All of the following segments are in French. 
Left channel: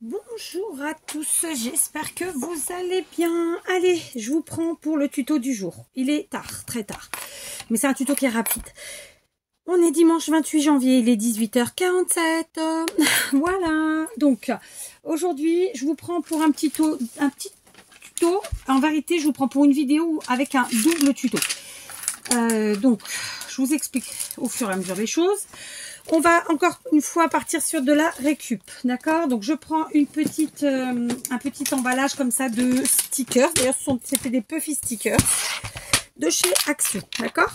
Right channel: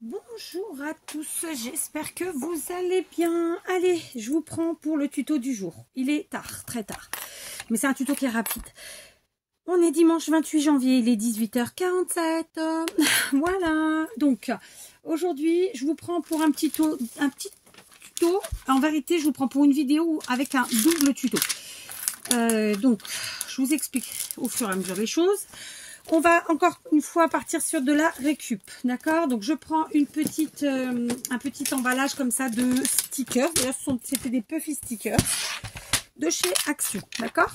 Bonjour à tous, j'espère que vous allez bien. Allez, je vous prends pour le tuto du jour. Il est tard, très tard, mais c'est un tuto qui est rapide. On est dimanche 28 janvier, il est 18h47. Voilà, donc aujourd'hui, je vous prends pour un petit tuto. En vérité, je vous prends pour une vidéo avec un double tuto. Donc, je vous explique au fur et à mesure des choses. On va encore une fois partir sur de la récup, d'accord? Donc je prends un petit emballage comme ça de stickers. D'ailleurs, c'était des Puffy stickers de chez Action, d'accord?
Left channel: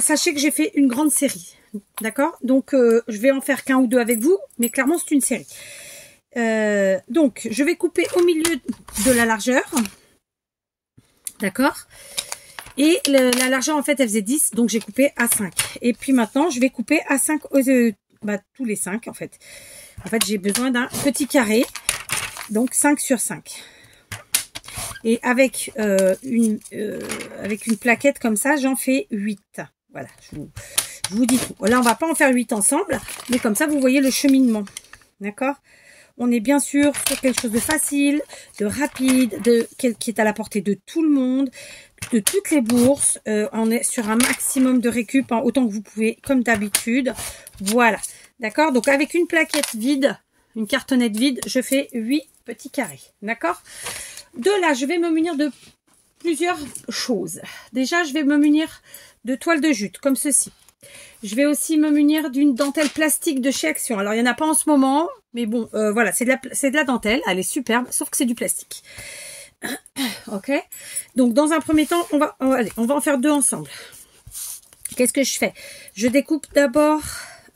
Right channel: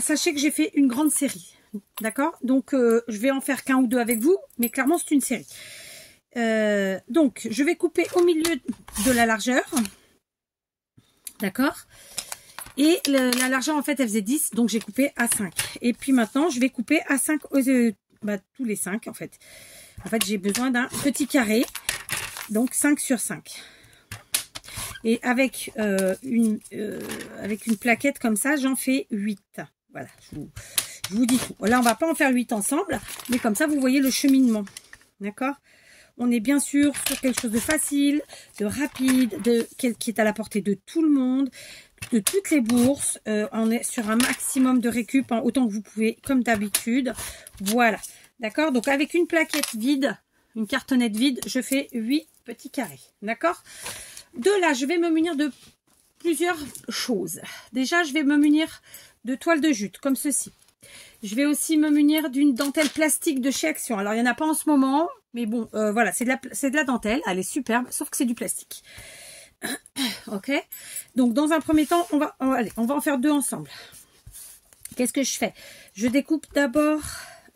Sachez que j'ai fait une grande série, d'accord? Donc je vais en faire qu'un ou deux avec vous, mais clairement c'est une série. Donc je vais couper au milieu de la largeur, d'accord? Et la largeur, en fait, elle faisait 10, donc j'ai coupé à 5. Et puis maintenant, je vais couper à 5, tous les 5, en fait. En fait, j'ai besoin d'un petit carré, donc 5 sur 5. Et avec une plaquette comme ça, j'en fais 8. Voilà, je vous dis tout. Là, on va pas en faire 8 ensemble, mais comme ça, vous voyez le cheminement. D'accord ? On est bien sûr sur quelque chose de facile, de rapide, qui est à la portée de tout le monde, de toutes les bourses. On est sur un maximum de récup, hein, autant que vous pouvez, comme d'habitude. Voilà, d'accord? Donc avec une plaquette vide, une cartonnette vide, je fais 8 petits carrés, d'accord? De là, je vais me munir de plusieurs choses. Déjà, je vais me munir de toile de jute, comme ceci. Je vais aussi me munir d'une dentelle plastique de chez Action. Alors, il n'y en a pas en ce moment, mais bon, voilà, c'est de la dentelle. Elle est superbe, sauf que c'est du plastique. Ok, donc dans un premier temps, on va en faire 2 ensemble. Qu'est-ce que je fais? Je découpe d'abord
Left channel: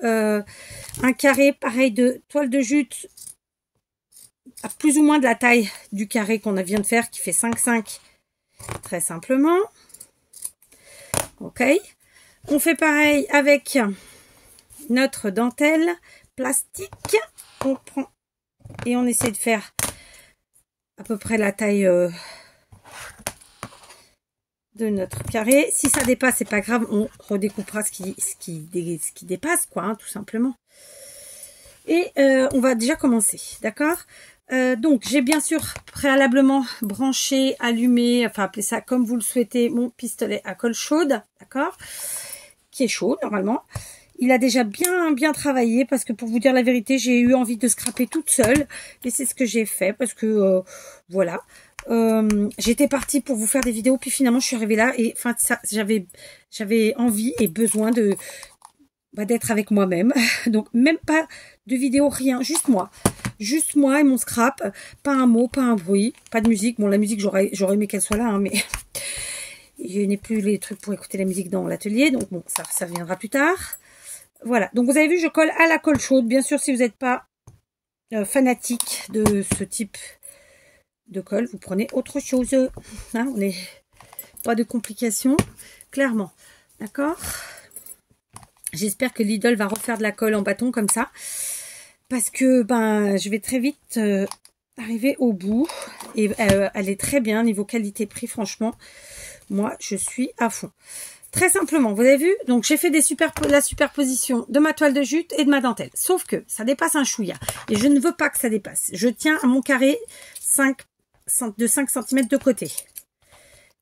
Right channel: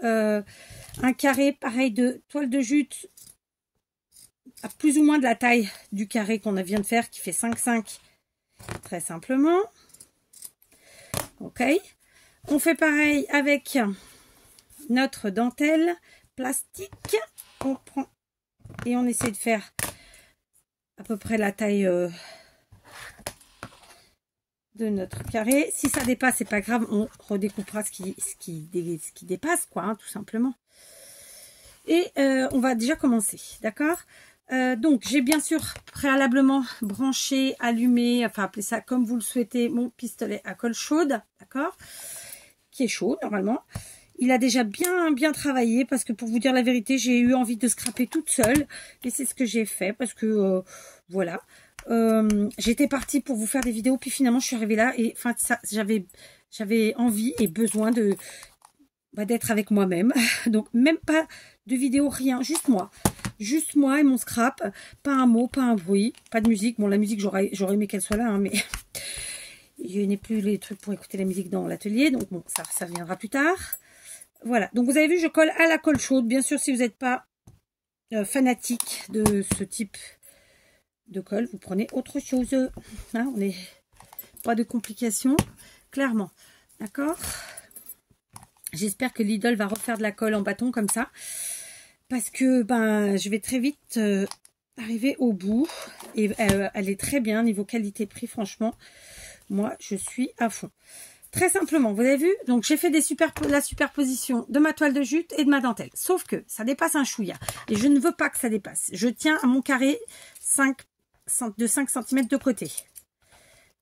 un carré pareil de toile de jute à plus ou moins de la taille du carré qu'on vient de faire, qui fait 5,5 très simplement. Ok, on fait pareil avec notre dentelle plastique. On prend et on essaie de faire à peu près la taille de notre carré. Si ça dépasse, c'est pas grave, on redécoupera ce qui dépasse, quoi, hein, tout simplement. Et on va déjà commencer, d'accord? Donc, j'ai bien sûr préalablement branché, allumé, enfin appelez ça comme vous le souhaitez, mon pistolet à colle chaude, d'accord? Qui est chaud normalement. Il a déjà bien travaillé parce que pour vous dire la vérité, j'ai eu envie de scraper toute seule. Et c'est ce que j'ai fait parce que voilà. J'étais partie pour vous faire des vidéos, puis finalement je suis arrivée là et enfin j'avais envie et besoin d'être avec moi-même. Donc même pas de vidéo, rien, juste moi et mon scrap, pas un mot, pas un bruit, pas de musique. Bon, la musique j'aurais aimé qu'elle soit là, hein, mais je n'ai plus les trucs pour écouter la musique dans l'atelier, donc bon, ça viendra plus tard. Voilà, donc vous avez vu, je colle à la colle chaude. Bien sûr, si vous n'êtes pas fanatique de ce type de colle, vous prenez autre chose. Hein, on n'est pas de complications, clairement. D'accord? J'espère que Lidl va refaire de la colle en bâton comme ça. Parce que je vais très vite arriver au bout. Et elle est très bien niveau qualité-prix, franchement. Moi, je suis à fond. Très simplement, vous avez vu, donc j'ai fait la superposition de ma toile de jute et de ma dentelle. Sauf que ça dépasse un chouïa. Et je ne veux pas que ça dépasse. Je tiens à mon carré de 5 cm de côté.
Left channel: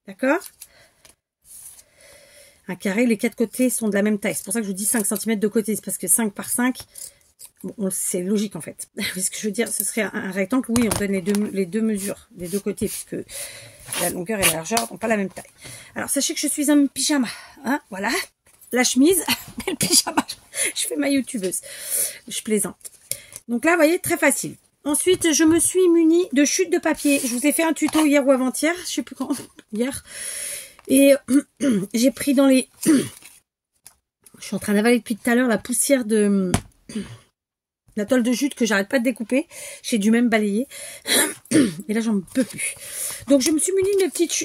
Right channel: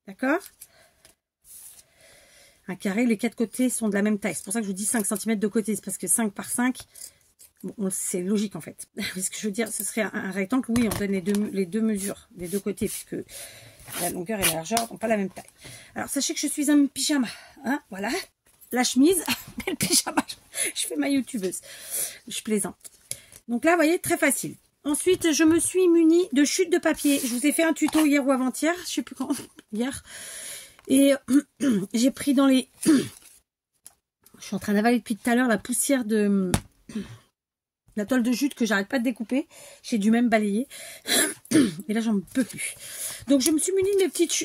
D'accord? Un carré, les 4 côtés sont de la même taille. C'est pour ça que je vous dis 5 cm de côté. C'est parce que 5 par 5, bon, c'est logique en fait. Ce que je veux dire, ce serait un rectangle. Oui, on donne les deux mesures des deux côtés puisque la longueur et la largeur n'ont pas la même taille. Alors, sachez que je suis en pyjama. Hein, voilà. La chemise et le pyjama. Je fais ma youtubeuse. Je plaisante. Donc là, vous voyez, très facile. Ensuite, je me suis munie de chute de papier. Je vous ai fait un tuto hier ou avant-hier. Je sais plus quand. Hier. Et j'ai pris dans les... Je suis en train d'avaler depuis tout à l'heure la poussière de... la toile de jute que j'arrête pas de découper. J'ai dû même balayer. Et là, j'en peux plus. Donc, je me suis munie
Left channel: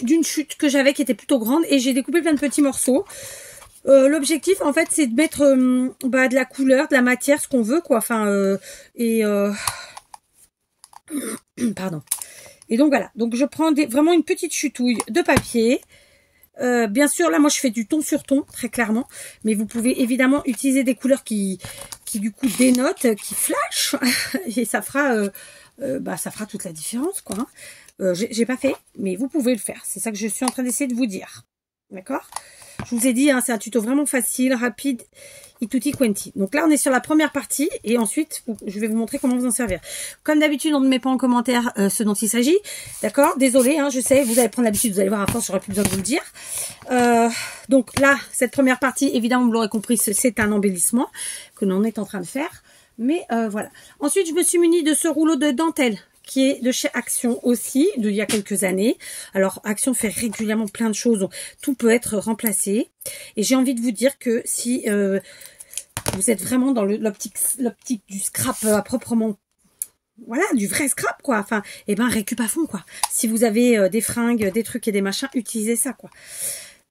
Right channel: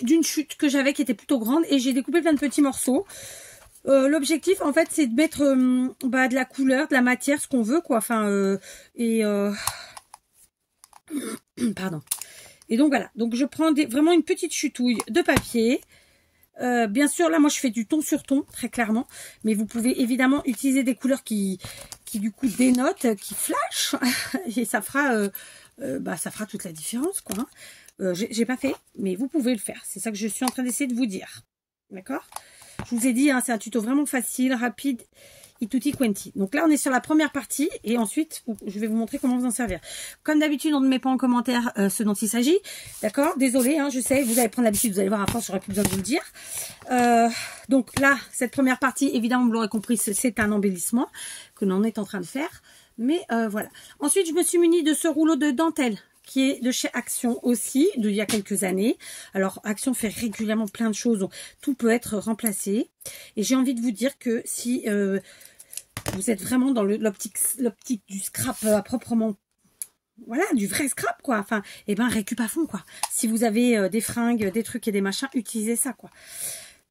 d'une chute que j'avais qui était plutôt grande. Et j'ai découpé plein de petits morceaux. L'objectif, en fait, c'est de mettre de la couleur, de la matière, ce qu'on veut, quoi. Enfin, pardon. Et donc, voilà. Donc, je prends vraiment une petite chutouille de papier. Bien sûr, là, moi, je fais du ton sur ton, très clairement. Mais vous pouvez évidemment utiliser des couleurs qui du coup, dénotent, qui flashent. Et ça fera, ça fera toute la différence, quoi. J'ai pas fait, mais vous pouvez le faire. C'est ça que je suis en train d'essayer de vous dire. D'accord? Je vous ai dit, hein, c'est un tuto vraiment facile, rapide et tutti quanti. Donc là, on est sur la première partie et ensuite, je vais vous montrer comment vous en servir. Comme d'habitude, on ne met pas en commentaire ce dont il s'agit. D'accord? Désolée, hein, je sais, vous allez prendre l'habitude, vous allez voir à force, j'aurais plus besoin de vous le dire. Donc là, cette première partie, évidemment, vous l'aurez compris, c'est un embellissement que l'on est en train de faire. Mais voilà. Ensuite, je me suis munie de ce rouleau de dentelle qui est de chez Action aussi, d'il y a quelques années. Alors, Action fait régulièrement plein de choses, donc tout peut être remplacé. Et j'ai envie de vous dire que si vous êtes vraiment dans l'optique du scrap à proprement, voilà, du vrai scrap, quoi. Enfin, et ben, récup à fond, quoi. Si vous avez des fringues, des trucs et des machins, utilisez ça, quoi.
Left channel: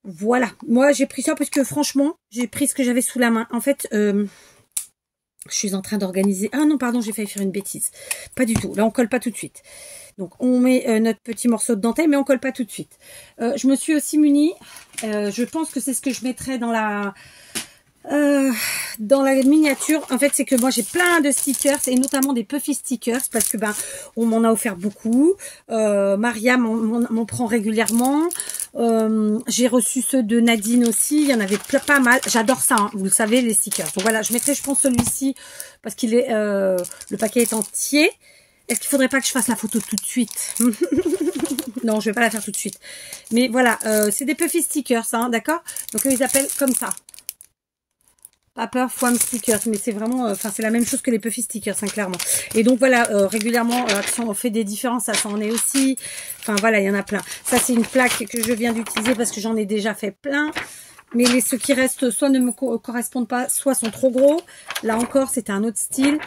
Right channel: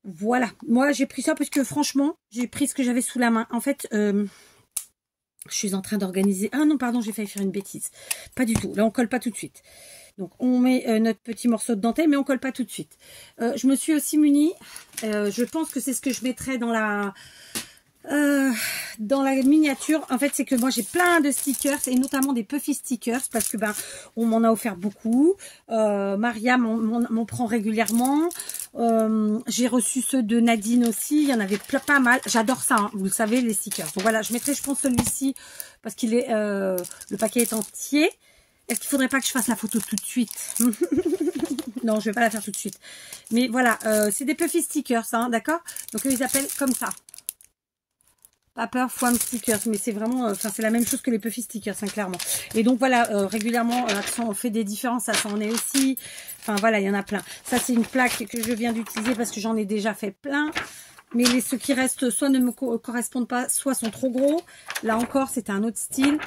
Voilà. Moi, j'ai pris ça parce que, franchement, j'ai pris ce que j'avais sous la main. En fait, je suis en train d'organiser... Ah non, pardon, j'ai failli faire une bêtise. Pas du tout. Là, on colle pas tout de suite. Donc, on met notre petit morceau de dentelle, mais on colle pas tout de suite. Je me suis aussi munie. Je pense que c'est ce que je mettrai dans la miniature. En fait, c'est que moi, j'ai plein de stickers et notamment des Puffy stickers parce que, on m'en a offert beaucoup. Maria m'en prend régulièrement. J'ai reçu ceux de Nadine aussi, il y en avait pas mal, j'adore ça, hein, vous le savez, les stickers. Donc voilà, je mettrai, je pense, celui-ci parce qu'il est, le paquet est entier. Est-ce qu'il faudrait pas que je fasse la photo tout de suite? Non, je vais pas la faire tout de suite. Mais voilà, c'est des Puffy stickers, hein, d'accord? Donc ils appellent comme ça. Paper Foam Stickers, mais c'est vraiment, enfin c'est la même chose que les Puffy Stickers, hein, clairement. Et donc voilà, régulièrement, Action on fait des différences, ça en est aussi. Enfin voilà, il y en a plein. Ça c'est une plaque que je viens d'utiliser parce que j'en ai déjà fait plein. Mais ceux qui restent soit ne me correspondent pas, soit sont trop gros. Là encore, c'était un autre style.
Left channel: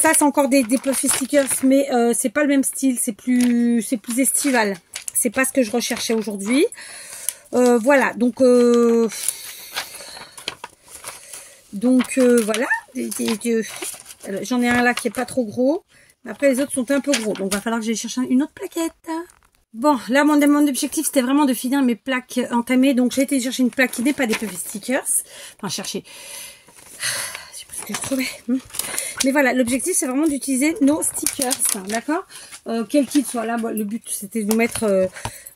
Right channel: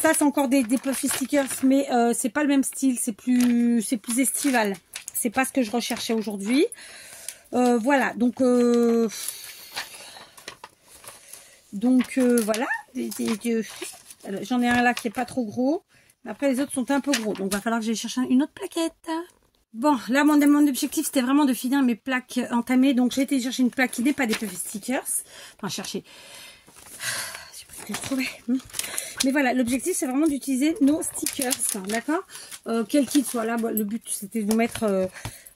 Ça c'est encore des Puffy Stickers, mais c'est pas le même style, c'est plus estival. C'est pas ce que je recherchais aujourd'hui. Voilà, donc... voilà, j'en ai un là qui est pas trop gros. Après les autres sont un peu gros. Donc il va falloir que j'aille chercher une autre plaquette. Bon, là mon objectif c'était vraiment de finir mes plaques entamées. Donc j'ai été chercher une plaque qui n'est pas des Puffy Stickers. Enfin chercher. Je sais pas ce que je trouvais. Mais voilà, l'objectif c'est vraiment d'utiliser nos stickers. D'accord, quel kit soit là. Le but c'était de vous mettre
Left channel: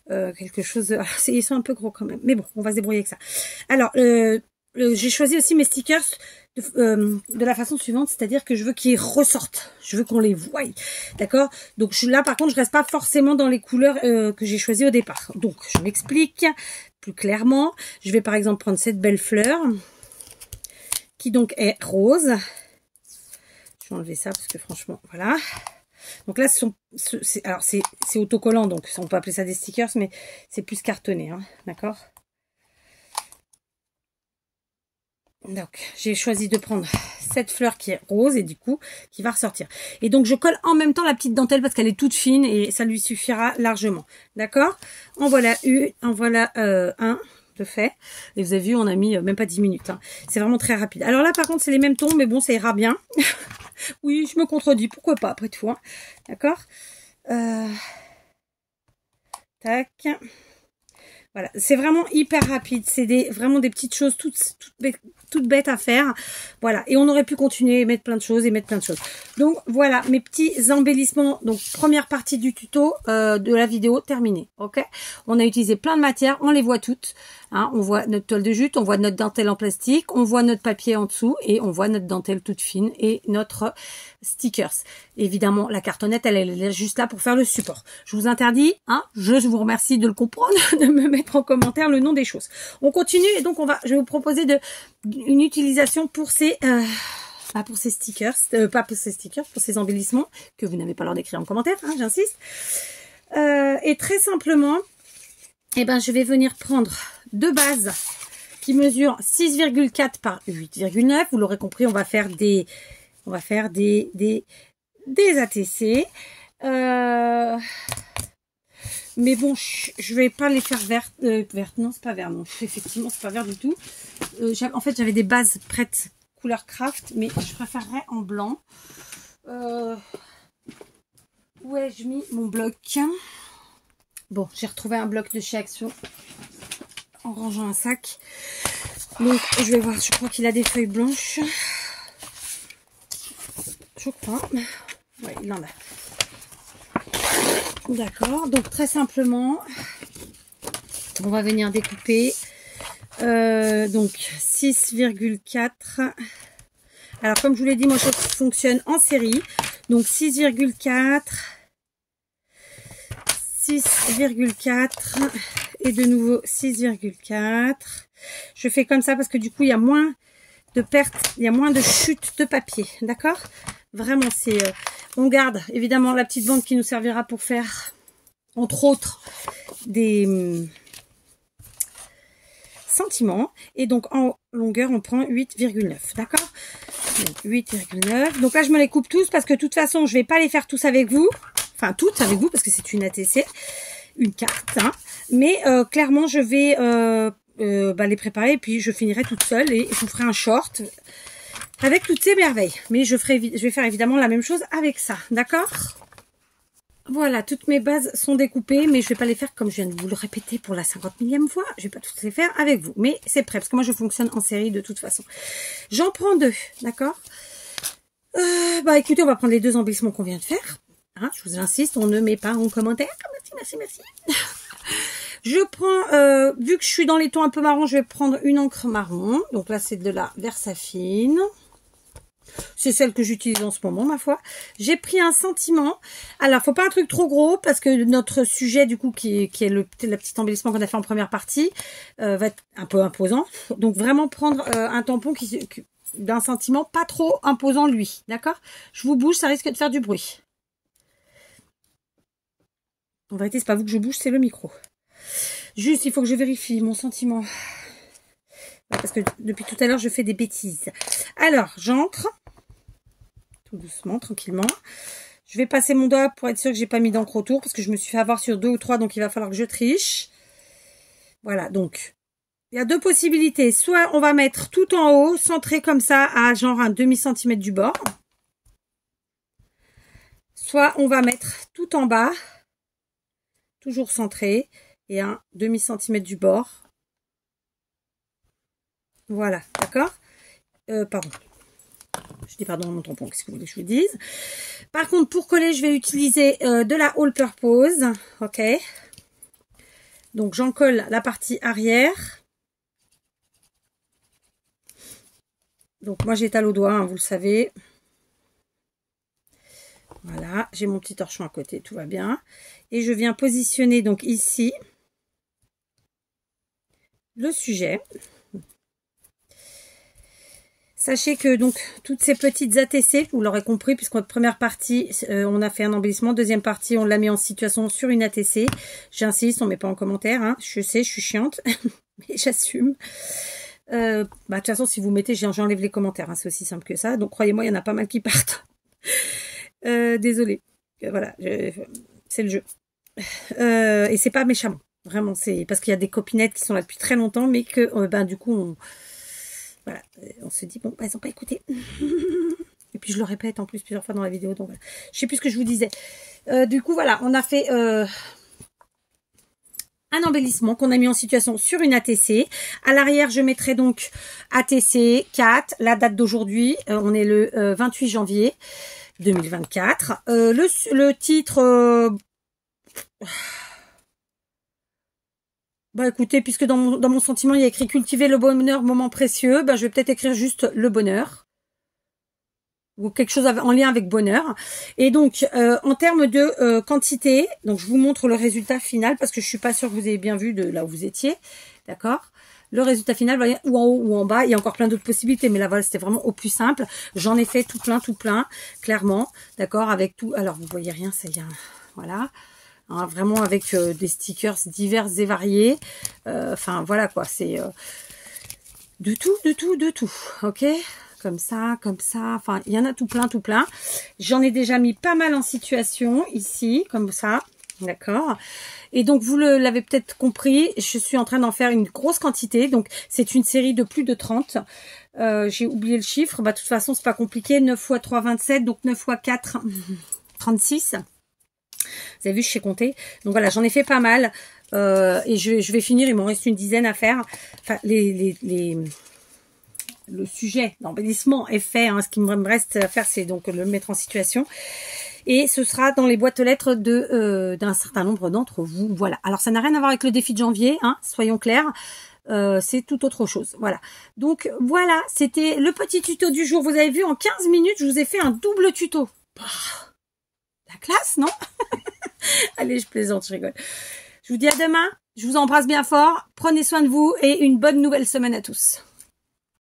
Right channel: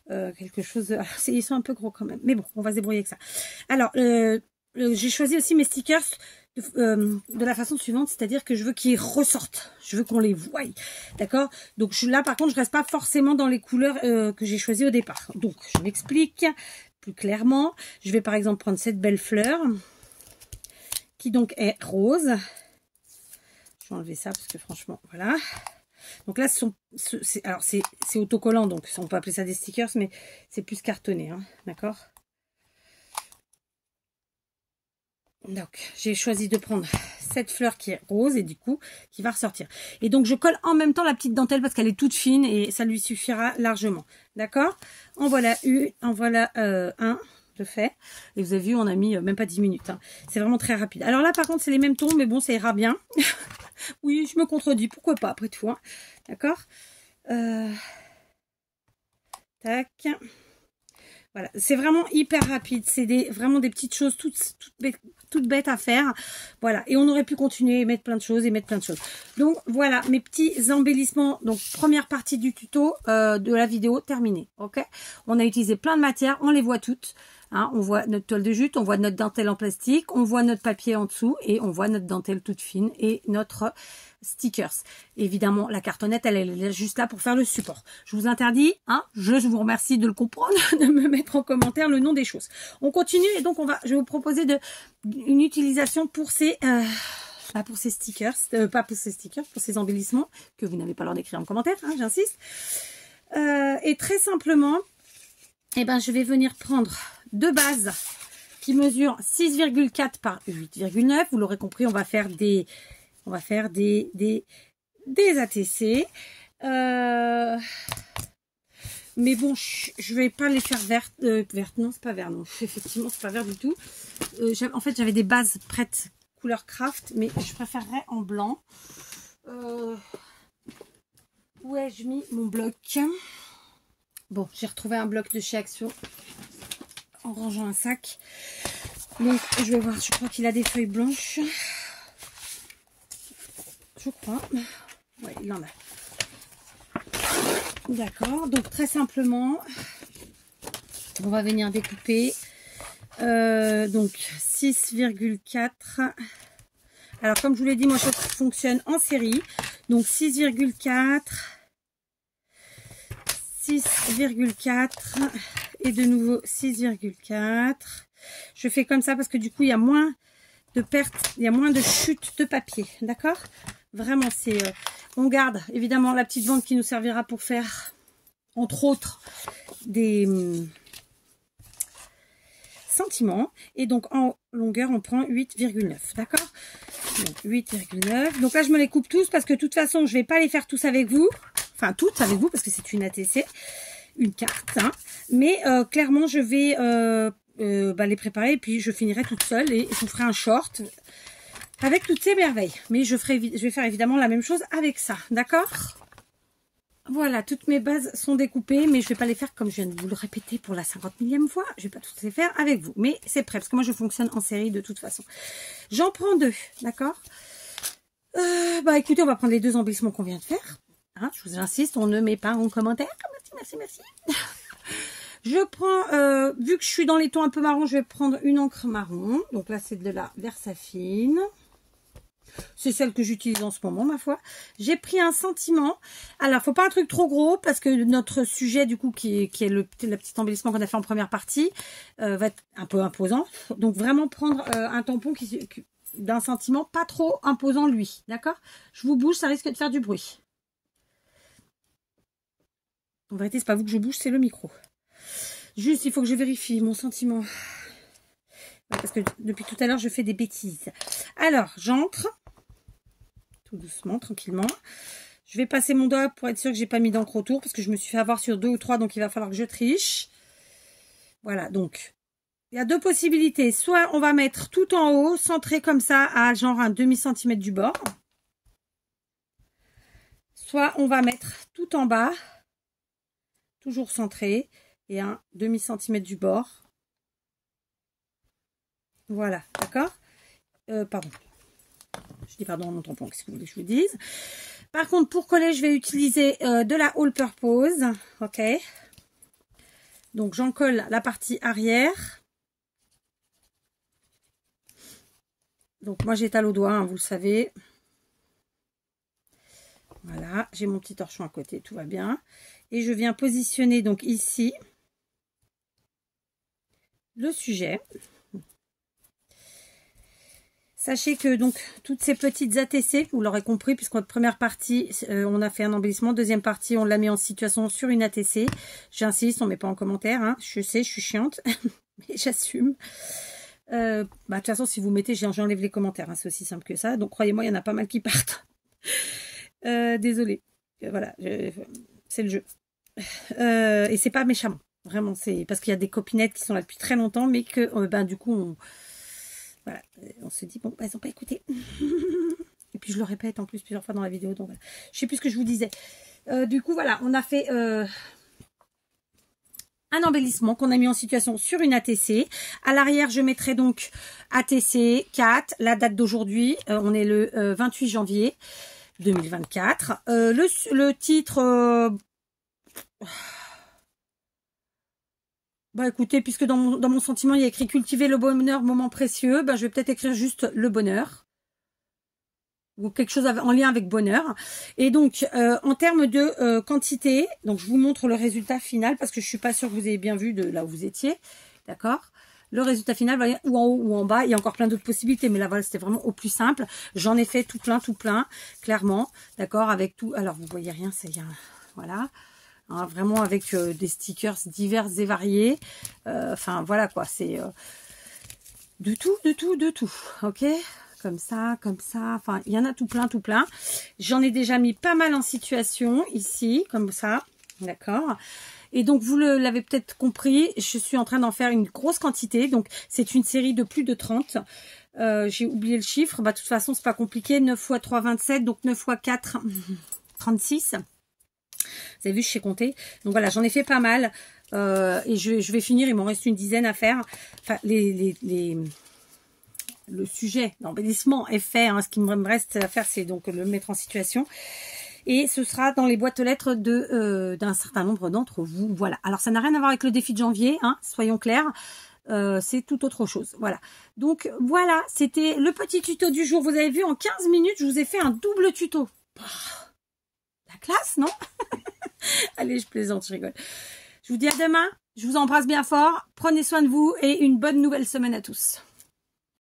quelque chose. Ils sont un peu gros quand même. Mais bon, on va se débrouiller avec ça. Alors, j'ai choisi aussi mes stickers de la façon suivante, c'est-à-dire que je veux qu'ils ressortent, je veux qu'on les voie, d'accord? Donc là par contre je reste pas forcément dans les couleurs que j'ai choisies au départ. Donc je m'explique plus clairement. Je vais par exemple prendre cette belle fleur qui donc est rose. Je vais enlever ça parce que franchement voilà. Donc là c'est autocollant, donc on peut appeler ça des stickers, mais c'est plus cartonné, hein, d'accord? Donc, j'ai choisi de prendre cette fleur qui est rose et du coup, qui va ressortir. Et donc, je colle en même temps la petite dentelle parce qu'elle est toute fine et ça lui suffira largement. D'accord? En voilà un de fait. Et vous avez vu, on a mis même pas 10 minutes. Hein. C'est vraiment très rapide. Alors là, par contre, c'est les mêmes tons, mais bon, ça ira bien. Oui, je me contredis. Pourquoi pas, après tout. Hein. D'accord? Tac. Voilà, c'est vraiment hyper rapide. C'est vraiment des petites choses toutes bêtes à faire. Voilà, et on aurait pu continuer et mettre plein de choses Donc voilà, mes petits embellissements. Donc première partie du tuto de la vidéo terminée. Ok, on a utilisé plein de matières, on les voit toutes. Hein, on voit notre toile de jute, on voit notre dentelle en plastique, on voit notre papier en dessous et on voit notre dentelle toute fine et notre stickers. Évidemment, la cartonnette, elle est juste là pour faire le support. Je vous interdis, hein, je vous remercie de le comprendre, de me mettre en commentaire le nom des choses. On continue et donc je vais vous proposer une utilisation pour ces stickers, pas pour ces stickers, pour ces embellissements que vous n'avez pas l'heure d'écrire en commentaire, hein, j'insiste. Et très simplement, je vais venir prendre deux bases qui mesurent 6,4 par 8,9. Vous l'aurez compris, on va faire des ATC. Mais bon, je vais pas les faire vertes. Non, c'est pas vert. Non, effectivement, c'est pas vert du tout. En fait, j'avais des bases prêtes couleur craft, mais je préférerais en blanc. Où ai-je mis mon bloc? Bon, j'ai retrouvé un bloc de chez Action. en rangeant un sac. Donc je vais voir, je crois qu'il a des feuilles blanches. Je crois. Oui, il en a. D'accord, donc très simplement, on va venir découper. Donc 6,4. Alors comme je vous l'ai dit, moi je fonctionne en série. Donc 6,4, 6,4 et de nouveau 6,4. Je fais comme ça parce que du coup il y a moins de pertes, il y a moins de chute de papier, d'accord? Vraiment c'est... on garde évidemment la petite bande qui nous servira pour faire, entre autres, des sentiments. Et donc en longueur on prend 8,9, d'accord? 8,9. Donc là je me les coupe tous parce que de toute façon je vais pas les faire tous avec vous. Enfin toutes avec vous parce que c'est une ATC, une carte. Hein. Mais clairement je vais les préparer et puis je finirai toute seule et je vous ferai un short avec toutes ces merveilles. Mais je vais faire évidemment la même chose avec ça, d'accord? Voilà, toutes mes bases sont découpées, mais je vais pas les faire comme je viens de vous le répéter pour la 50 millième fois. Je vais pas toutes les faire avec vous, mais c'est prêt parce que moi je fonctionne en série de toute façon. J'en prends deux, d'accord? Écoutez, on va prendre les deux embellissements qu'on vient de faire. Hein, je vous insiste, on ne met pas en commentaire. Merci. Je prends, vu que je suis dans les tons un peu marron, je vais prendre une encre marron. Donc là, c'est de la Versafine. C'est celle que j'utilise en ce moment, ma foi. J'ai pris un sentiment. Alors, faut pas un truc trop gros parce que notre sujet, du coup, qui est le petit embellissement qu'on a fait en première partie, va être un peu imposant. Donc, vraiment prendre un tampon d'un sentiment pas trop imposant, lui. D'accord? Je vous bouge, ça risque de faire du bruit. En vérité, c'est pas vous que je bouge, c'est le micro. Juste, il faut que je vérifie mon sentiment. Parce que depuis tout à l'heure, je fais des bêtises. Alors, j'encre. Tout doucement, tranquillement. Je vais passer mon doigt pour être sûr que j'ai pas mis d'encre autour. Parce que je me suis fait avoir sur 2 ou 3. Donc, il va falloir que je triche. Voilà, donc. Il y a deux possibilités. Soit on va mettre tout en haut, centré comme ça, à genre un demi-centimètre du bord. Soit on va mettre tout en bas. Toujours centré. Et un demi-centimètre du bord. Voilà, d'accord. Pardon. Je dis pardon à mon tampon, qu'est-ce que vous voulez que je vous dise. Par contre, pour coller, je vais utiliser de la All Purpose. Ok. Donc, j'en colle la partie arrière. Donc, moi, j'étale au doigt, hein, vous le savez. Voilà, j'ai mon petit torchon à côté, tout va bien. Et je viens positionner, donc, ici, le sujet. Sachez que donc toutes ces petites ATC, vous l'aurez compris, puisqu'en première partie, on a fait un embellissement. Deuxième partie, on l'a mis en situation sur une ATC. J'insiste, on ne met pas en commentaire. Hein. Je sais, je suis chiante, mais j'assume. De toute façon, si vous mettez, j'enlève les commentaires. Hein, c'est aussi simple que ça. Donc, croyez-moi, il y en a pas mal qui partent. Désolée. Voilà, c'est le jeu. Et c'est pas méchamment. Vraiment, c'est parce qu'il y a des copinettes qui sont là depuis très longtemps, mais que du coup, voilà, on se dit, bon, elles n'ont pas écouté. Et puis, je le répète en plus plusieurs fois dans la vidéo. Donc, voilà. Je sais plus ce que je vous disais. Du coup, voilà, on a fait un embellissement qu'on a mis en situation sur une ATC. À l'arrière, je mettrai donc ATC 4, la date d'aujourd'hui. On est le 28 janvier 2024. Le titre... écoutez, puisque dans mon sentiment, il y a écrit « Cultiver le bonheur, moment précieux », je vais peut-être écrire juste « le bonheur » ou quelque chose en lien avec bonheur. Et donc, en termes de quantité, donc je vous montre le résultat final parce que je suis pas sûre que vous ayez bien vu de là où vous étiez, d'accord? Le résultat final, vous voyez, ou en haut ou en bas, il y a encore plein d'autres possibilités, mais là, voilà, c'était vraiment au plus simple. J'en ai fait tout plein, clairement, d'accord, avec tout. Alors, vous voyez rien, ça y est, voilà. Hein, vraiment avec des stickers divers et variés. Enfin, voilà quoi, c'est de tout, ok? Comme ça, enfin, il y en a tout plein. J'en ai déjà mis pas mal en situation, ici, comme ça, d'accord? Et donc, vous l'avez peut-être compris, je suis en train d'en faire une grosse quantité. Donc, c'est une série de plus de 30. J'ai oublié le chiffre. De toute façon, c'est pas compliqué. 9 x 3, 27. Donc, 9 x 4, 36. Vous avez vu, je sais compter. Donc voilà, j'en ai fait pas mal. Et je vais finir, il m'en reste une dizaine à faire. Enfin, le sujet d'embellissement est fait. Hein. Ce qui me reste à faire, c'est donc le mettre en situation. Et ce sera dans les boîtes aux lettres d'un certain nombre d'entre vous. Voilà. Alors, ça n'a rien à voir avec le défi de janvier, hein, soyons clairs. C'est tout autre chose. Voilà. Donc, voilà. C'était le petit tuto du jour. Vous avez vu, en 15 minutes, je vous ai fait un double tuto. La classe, non? Allez, je plaisante, je rigole. Je vous dis à demain. Je vous embrasse bien fort. Prenez soin de vous et une bonne nouvelle semaine à tous.